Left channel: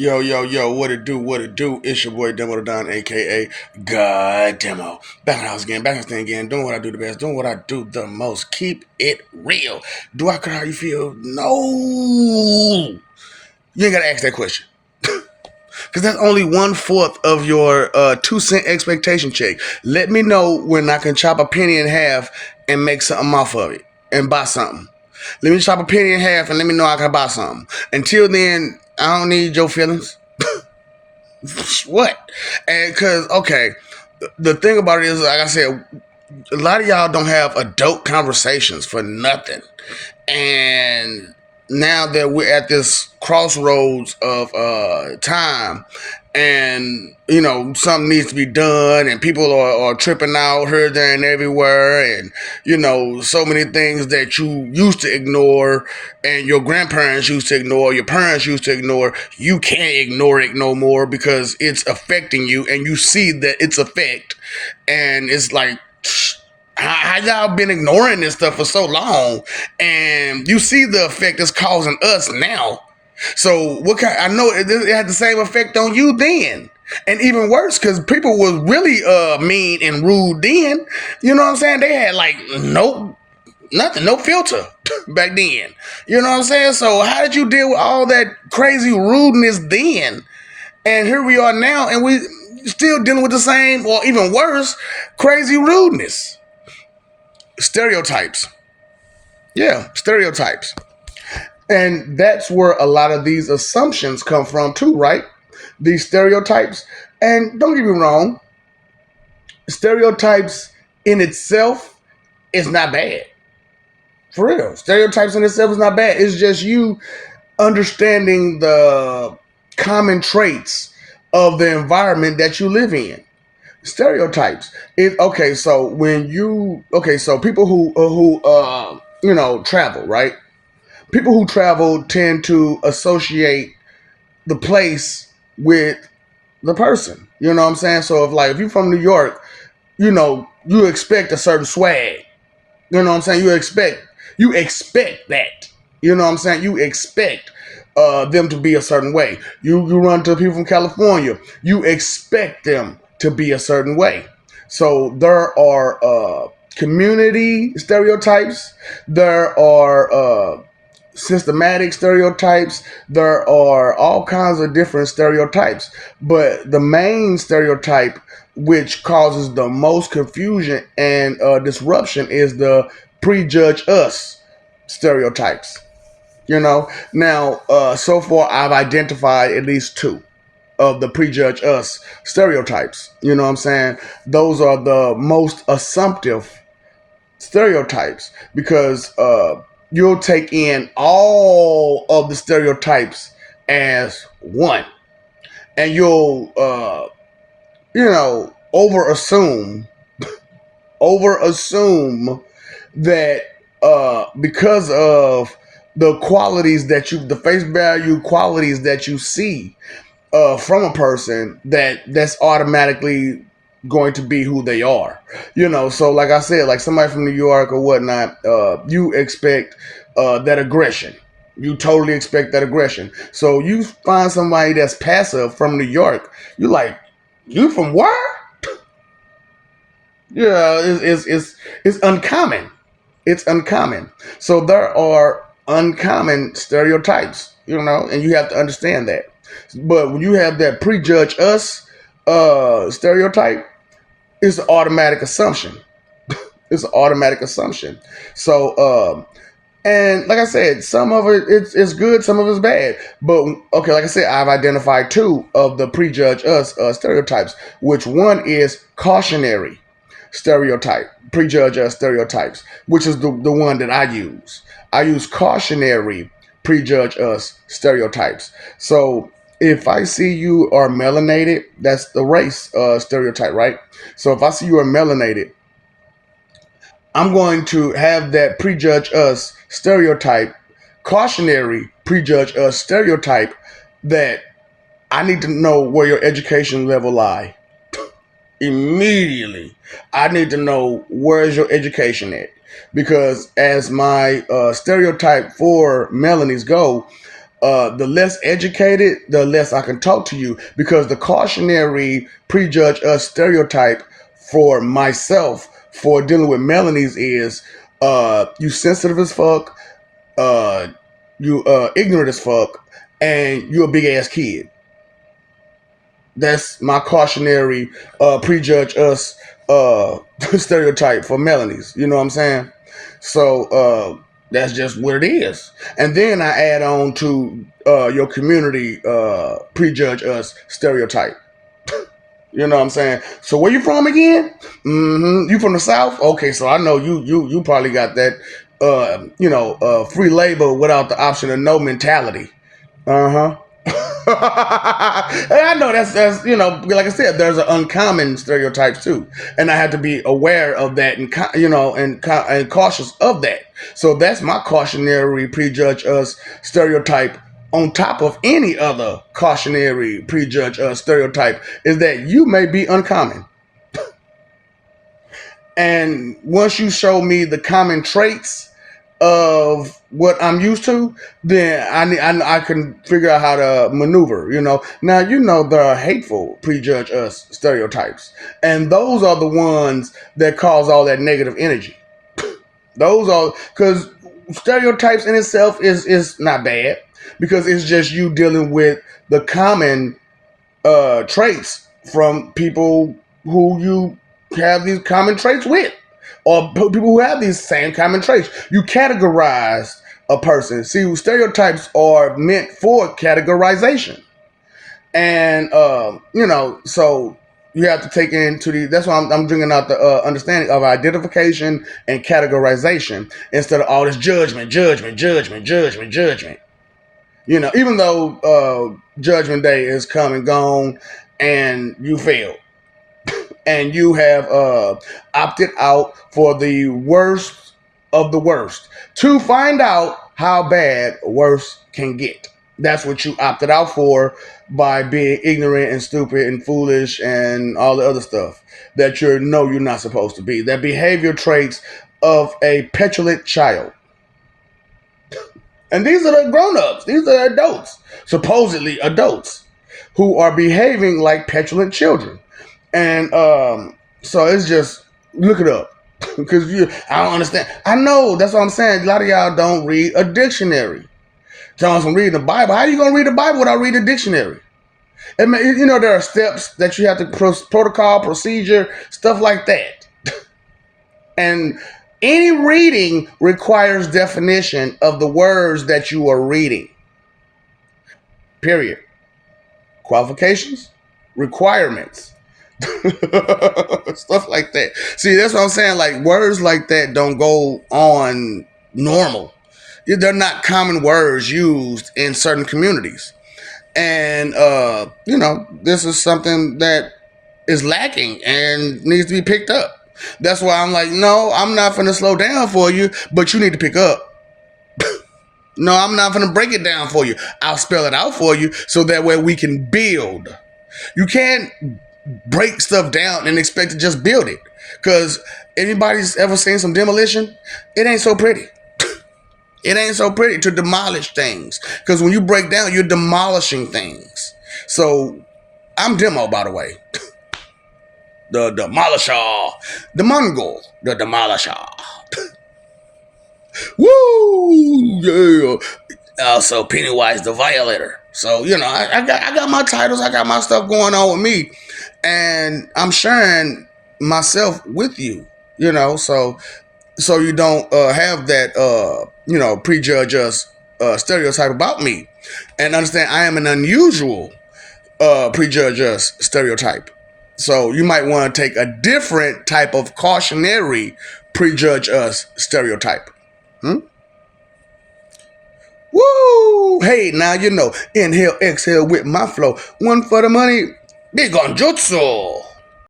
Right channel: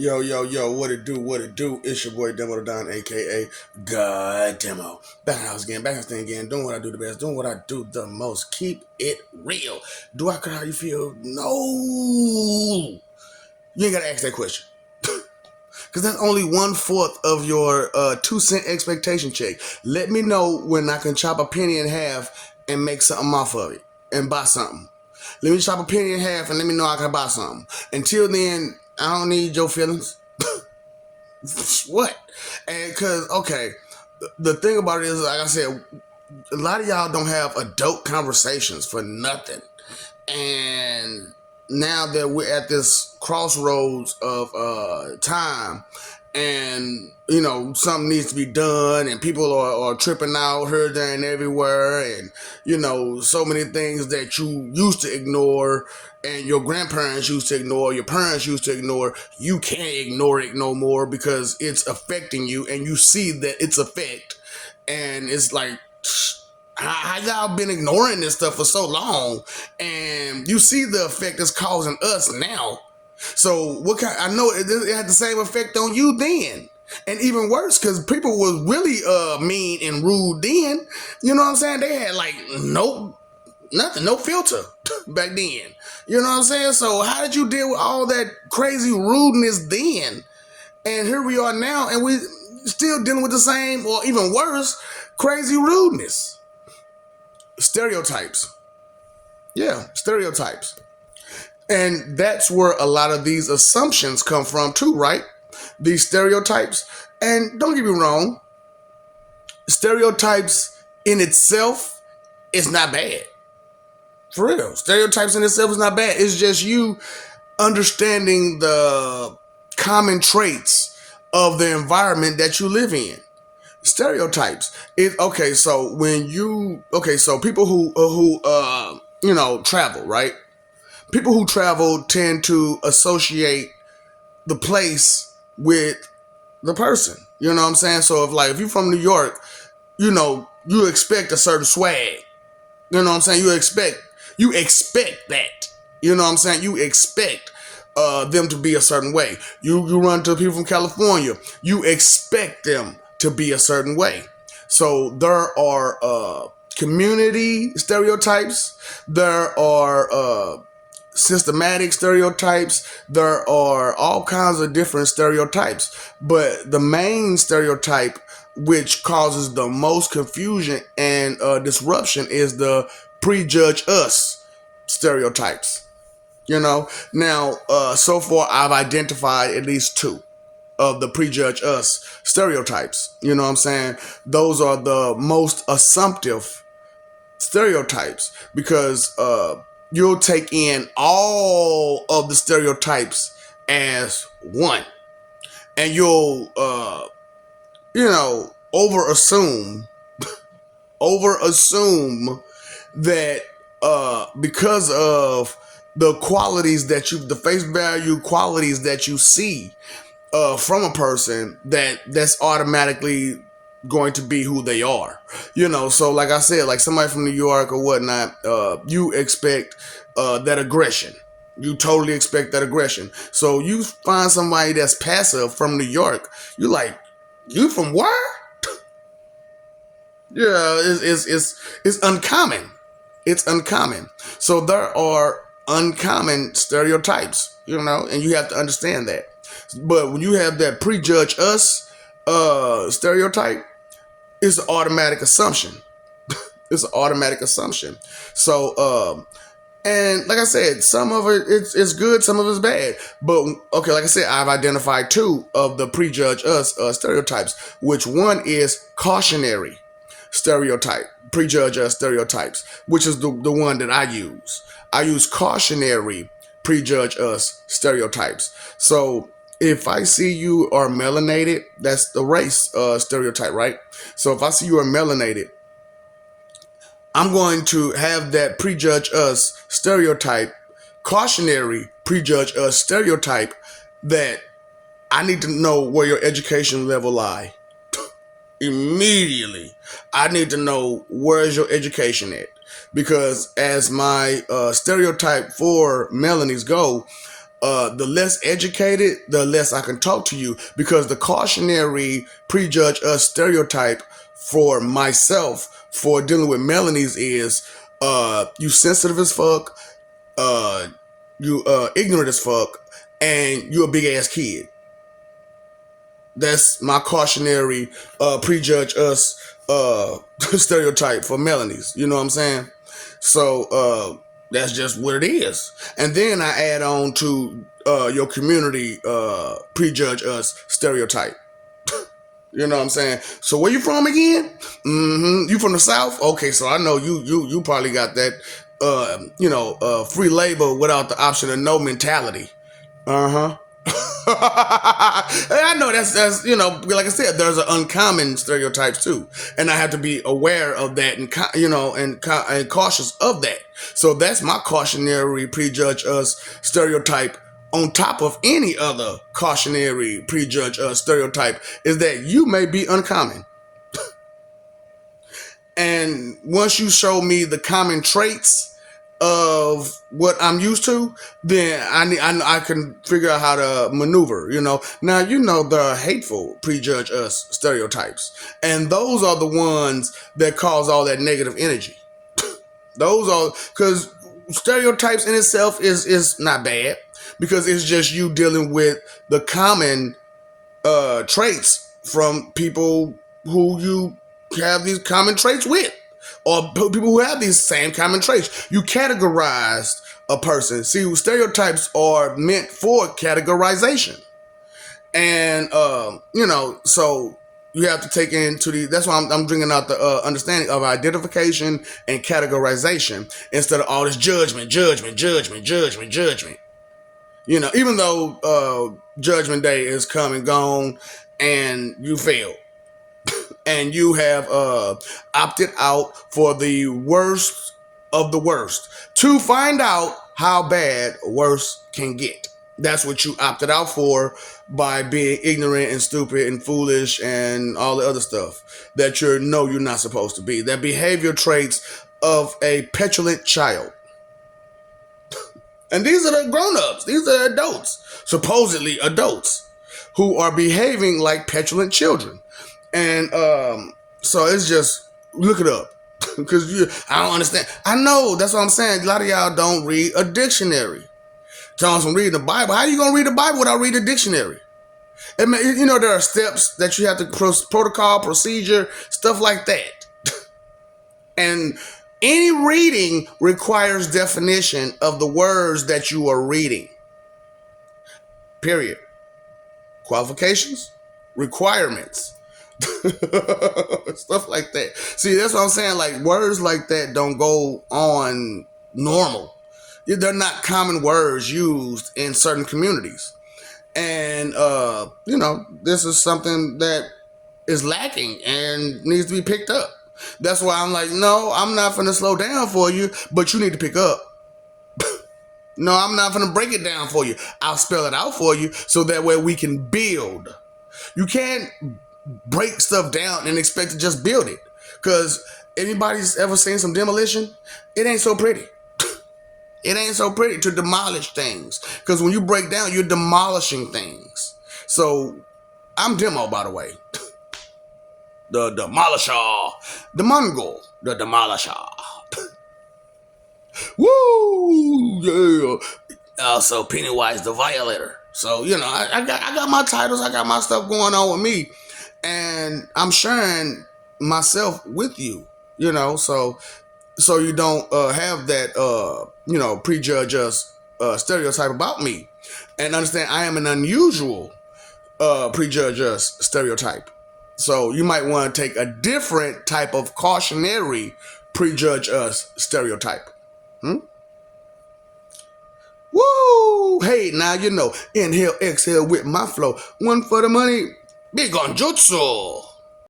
Yo, yo, yo, what it do, what it do? It's your boy Demo the Don, aka God Demo. Back in the house again, back in the stand again, doing what I do the best, doing what I do the most. Keep it real. Do I care how you feel? No. You ain't gotta ask that question. Because that's only 1/4 of your 2 cent expectation check. Let me know when I can chop a penny in half and make something off of it and buy something. Let me chop a penny in half and let me know I can buy something. Until then, I don't need your feelings. What? And because, okay, the thing about it is, like I said, a lot of y'all don't have adult conversations for nothing. And now that we're at this crossroads of time, and something needs to be done, and people are tripping out here, there, and everywhere, and so many things that you used to ignore, and your grandparents used to ignore, your parents used to ignore, you can't ignore it no more because it's affecting you, and you see that it's effect, and it's like, how y'all been ignoring this stuff for so long, and you see the effect it's causing us now. So what kind? I know it had the same effect on you then, and even worse because people was really mean and rude then. You know what I'm saying? They had like nothing, no filter back then. You know what I'm saying? So how did you deal with all that crazy rudeness then? And here we are now, and we still dealing with the same, or even worse, crazy rudeness. Stereotypes. Yeah, stereotypes. And that's where a lot of these assumptions come from too, right? These stereotypes. And don't get me wrong, stereotypes in itself is not bad. For real. Stereotypes in itself is not bad. It's just you understanding the common traits of the environment that you live in. Stereotypes. So people who travel, right? People who travel tend to associate the place with the person. You know what I'm saying? So if you're from New York, you expect a certain swag. You know what I'm saying? You expect that. You know what I'm saying? You expect them to be a certain way. You run to people from California, you expect them to be a certain way. So there are community stereotypes. There are systematic stereotypes. There are all kinds of different stereotypes. But the main stereotype which causes the most confusion and disruption is the prejudge us stereotypes. Now, so far I've identified at least two of the prejudge us stereotypes. You know what I'm saying? Those are the most assumptive stereotypes because you'll take in all of the stereotypes as one, and you'll over assume that because of the face value qualities that you see from a person, that's automatically going to be who they are. So like I said, like somebody from New York or whatnot, you expect that aggression. You totally expect that aggression. So you find somebody that's passive from New York, you like, you from where? Yeah, it's uncommon. It's uncommon. So there are uncommon stereotypes, and you have to understand that. But when you have that prejudge us stereotype, it's an automatic assumption. It's an automatic assumption. So, and like I said, some of it's good, some of it's bad. But okay, like I said, I've identified two of the prejudge us stereotypes. Which one is cautionary stereotype, prejudge us stereotypes, which is the one that I use. I use cautionary prejudge us stereotypes. So if I see you are melanated, that's the race stereotype, right? So if I see you are melanated, I'm going to have that prejudge us stereotype, cautionary prejudge us stereotype, that I need to know where your education level lie. Immediately, I need to know where is your education at, because as my stereotype for Melanies go, the less educated, the less I can talk to you, because the cautionary prejudge us stereotype for myself for dealing with Melanies is you sensitive as fuck, uh, you ignorant as fuck, and you a big ass kid. That's my cautionary prejudge us stereotype for Melanies. You know what I'm saying? So that's just what it is. And then I add on to your community prejudge us stereotype. You know what I'm saying? So where you from again? You from the South? Okay, so I know you probably got that free labor without the option of no mentality. Uh-huh. I know that's like I said, there's an uncommon stereotypes too, and I have to be aware of that and and cautious of that. So that's my cautionary prejudge us stereotype. On top of any other cautionary prejudge us stereotype is that you may be uncommon. And once you show me the common traits of what I'm used to, then I can figure out how to maneuver. Now there are hateful prejudge us stereotypes, and those are the ones that cause all that negative energy. Those are because stereotypes in itself is not bad, because it's just you dealing with the common traits from people who you have these common traits with, or people who have these same common traits. You categorize a person. See, stereotypes are meant for categorization, and so you have to take into that's why I'm bringing out the understanding of identification and categorization instead of all this judgment. Even though Judgment Day is come and gone, and you failed, and you have opted out for the worst of the worst to find out how bad worse can get. That's what you opted out for by being ignorant and stupid and foolish and all the other stuff that you're not supposed to be. That behavior traits of a petulant child. And these are the grown-ups. These are adults, supposedly adults, who are behaving like petulant children. And so it's just, look it up. Because I don't understand. I know, that's what I'm saying. A lot of y'all don't read a dictionary. Telling us from reading the Bible. How are you going to read the Bible without reading a dictionary? And, there are steps that you have to, protocol, procedure, stuff like that. And any reading requires definition of the words that you are reading. Period. Qualifications, requirements, stuff like that. See, that's what I'm saying. Like, words like that don't go on normal. They're not common words used in certain communities. And, this is something that is lacking and needs to be picked up. That's why I'm like, no, I'm not going to slow down for you, but you need to pick up. No, I'm not going to break it down for you. I'll spell it out for you so that way we can build. You can't break stuff down and expect to just build it. Because anybody's ever seen some demolition? It ain't so pretty. It ain't so pretty to demolish things. Because when you break down, you're demolishing things. So, I'm Demo, by the way. The Demolisher. The Mongol. The Demolisher. Woo! Yeah. Also, Pennywise the Violator. So, I got my titles. I got my stuff going on with me. And I'm sharing myself with you, so you don't have that, prejudge us stereotype about me. And understand I am an unusual prejudge us stereotype. So you might want to take a different type of cautionary prejudge us stereotype. Woo! Hey, now inhale, exhale with my flow. One for the money, big on jutsu.